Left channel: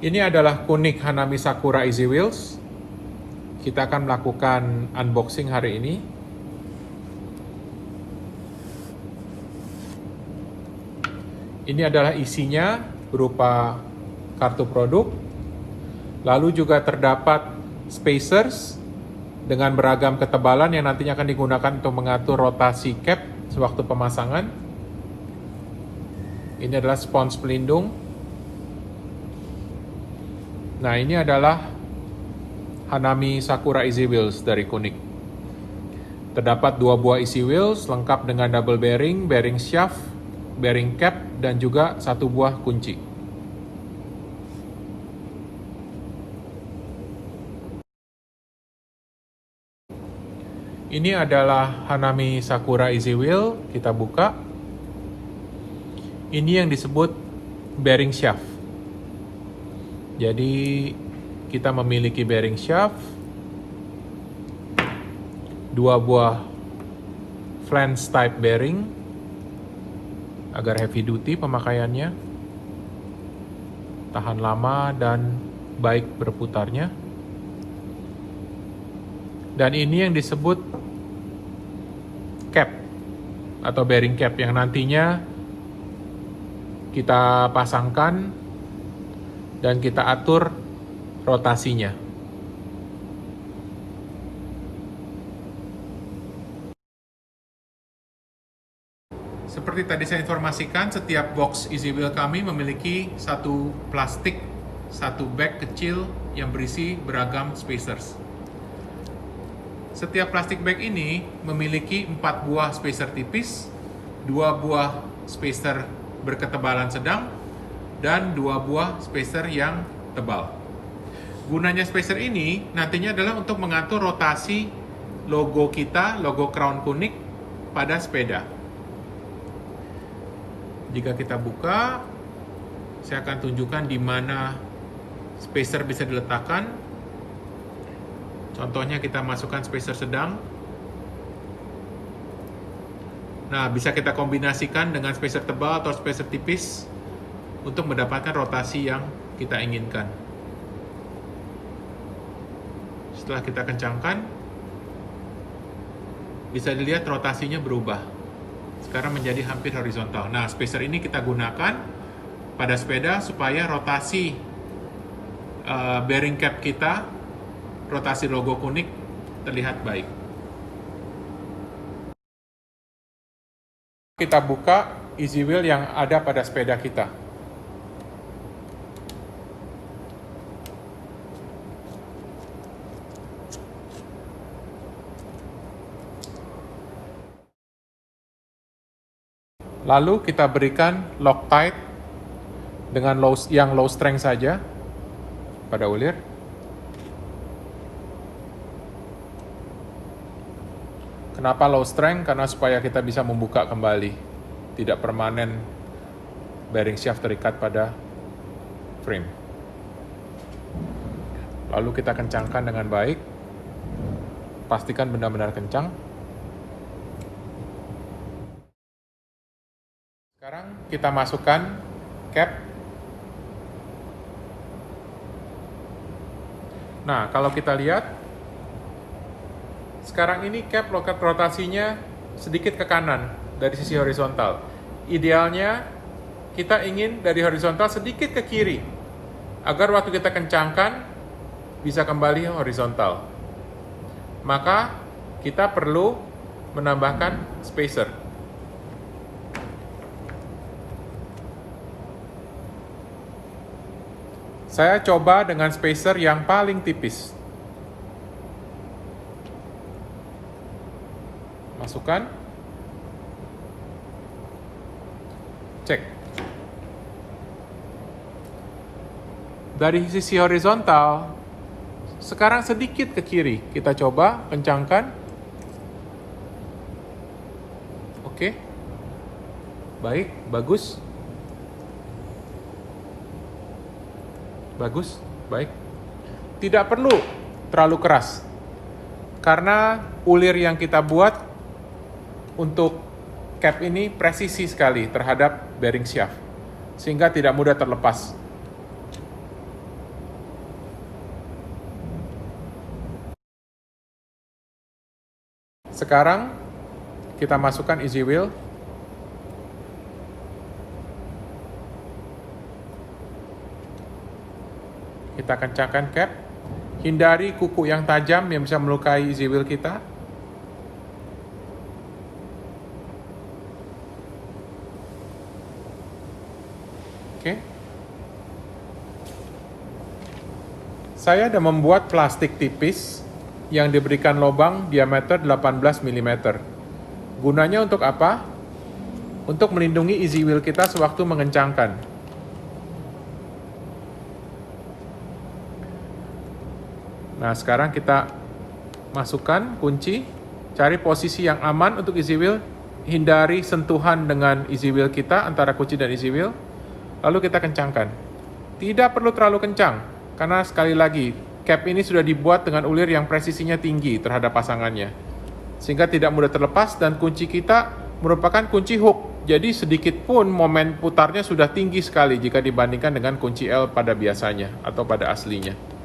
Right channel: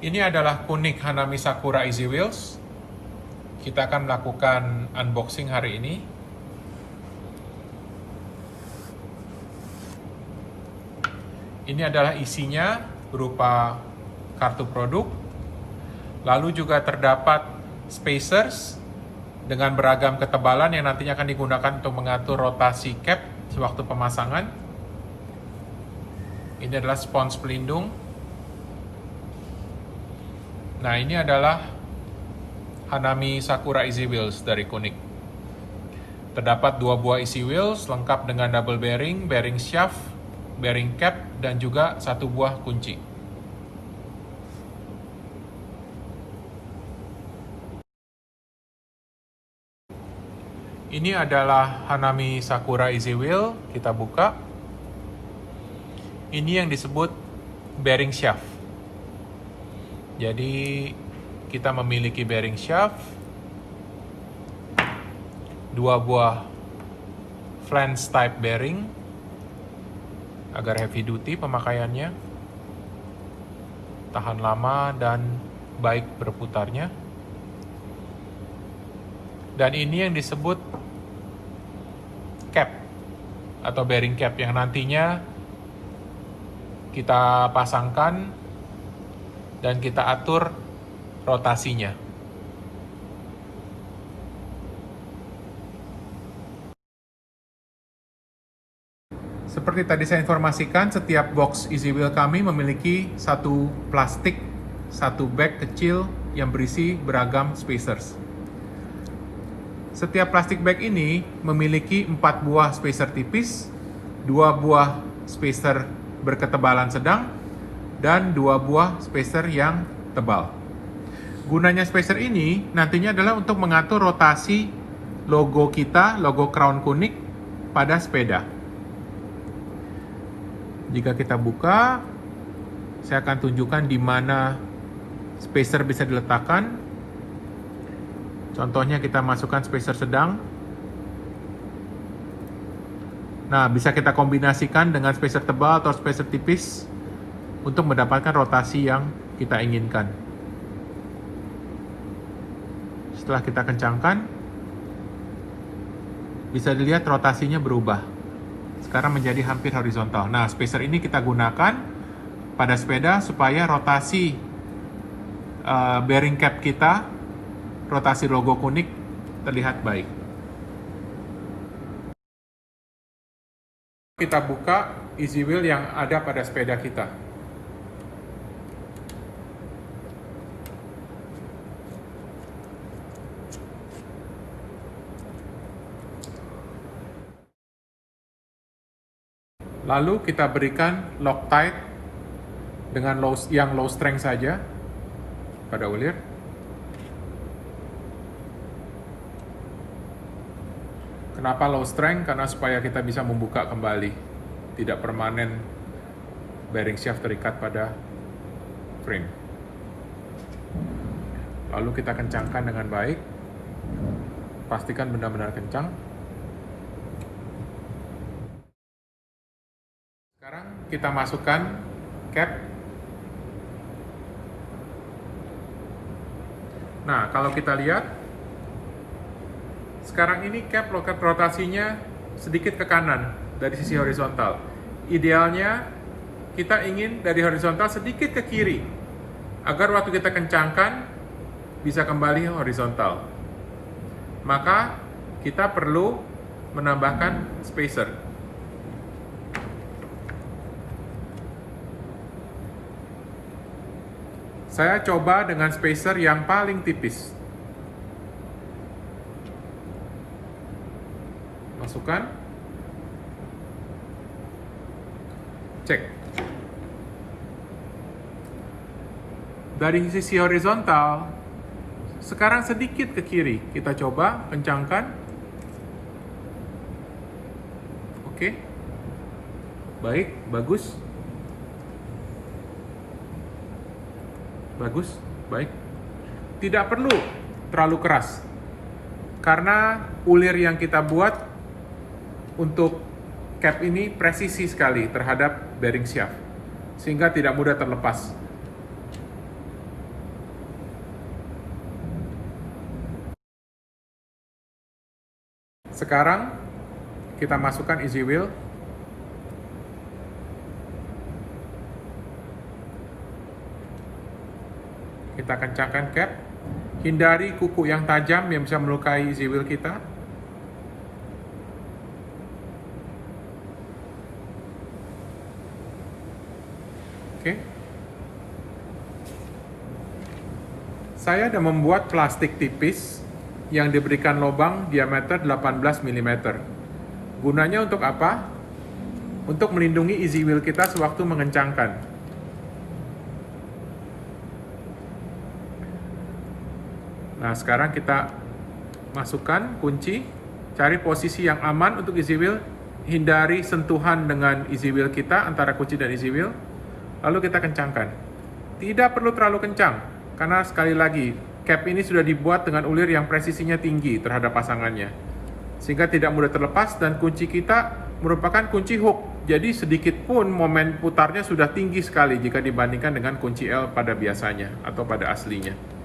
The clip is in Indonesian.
Ini adalah Kunik Hanami Sakura Easy Wheels. Kita akan melakukan unboxing hari ini. Ini adalah isinya berupa kartu produk. Lalu juga terdapat spacers dengan beragam ketebalan yang nantinya akan digunakan untuk mengatur rotasi cap sewaktu pemasangan. Ini adalah spons pelindung. Nah, ini adalah Hanami Sakura Easy Wheels dari Kunik. Terdapat 2 buah Easy Wheels lengkap dengan double bearing, bearing shaft, bearing cap, dan juga 1 buah kunci. Ini adalah Hanami Sakura Easy Wheel. Kita buka. Ini yang disebut bearing shaft. Jadi kita memiliki bearing shaft, 2 buah flange type bearing agar heavy duty pemakaiannya, tahan lama dan baik berputarnya. Dan ini yang disebut cap atau bearing cap yang nantinya kita pasangkan dan kita atur rotasinya. Seperti tadi saya informasikan, setiap box Easy Wheel kami memiliki satu plastik, satu bag kecil yang berisi beragam spacers. Setiap plastik bag ini memiliki 4 buah spacer tipis, 2 buah spacer berketebalan sedang, dan 2 buah spacer yang tebal. Gunanya spacer ini nantinya adalah untuk mengatur rotasi logo kita, logo Crown Kunik pada sepeda. Jika kita buka, saya akan tunjukkan di mana spacer bisa diletakkan. Contohnya kita masukkan spacer sedang. Nah, bisa kita kombinasikan dengan spacer tebal atau spacer tipis untuk mendapatkan rotasi yang kita inginkan. Setelah kita kencangkan, bisa dilihat rotasinya berubah. Sekarang menjadi hampir horizontal. Nah, spacer ini kita gunakan pada sepeda supaya rotasi bearing cap kita, rotasi logo Kunik terlihat baik. Kita buka Easy Wheel yang ada pada sepeda kita. Lalu kita berikan Loctite dengan low strength saja pada ulir. Kenapa low strength? Karena supaya kita bisa membuka kembali, tidak permanen bearing shaft terikat pada frame. Lalu kita kencangkan dengan baik, pastikan benar-benar kencang. Sekarang kita masukkan cap. Nah, kalau kita lihat, sekarang ini cap loket rotasinya sedikit ke kanan dari sisi horizontal. Idealnya kita ingin dari horizontal sedikit ke kiri, agar waktu kita kencangkan bisa kembali horizontal. Maka kita perlu menambahkan spacer. Saya coba dengan spacer yang paling tipis. Masukkan. Cek. Dari sisi horizontal, sekarang sedikit ke kiri. Kita coba kencangkan. Oke. Baik, bagus. Bagus, baik. Tidak perlu terlalu keras. Karena ulir yang kita buat untuk cap ini presisi sekali terhadap bearing shaft, sehingga tidak mudah terlepas. Sekarang kita masukkan easy wheel. Kita kencangkan cap. Hindari kuku yang tajam yang bisa melukai easy wheel kita. Oke. Saya ada membuat plastik tipis yang diberikan lubang diameter 18 mm. Gunanya untuk apa? Untuk melindungi easy wheel kita sewaktu mengencangkan. Nah, sekarang kita masukkan kunci, cari posisi yang aman untuk easy wheel, hindari sentuhan dengan easy wheel kita antara kunci dan easy wheel, lalu kita kencangkan. Tidak perlu terlalu kencang, karena sekali lagi, cap ini sudah dibuat dengan ulir yang presisinya tinggi terhadap pasangannya, sehingga tidak mudah terlepas, dan kunci kita merupakan kunci hook, jadi sedikit pun momen putarnya sudah tinggi sekali jika dibandingkan dengan kunci L pada biasanya atau pada aslinya.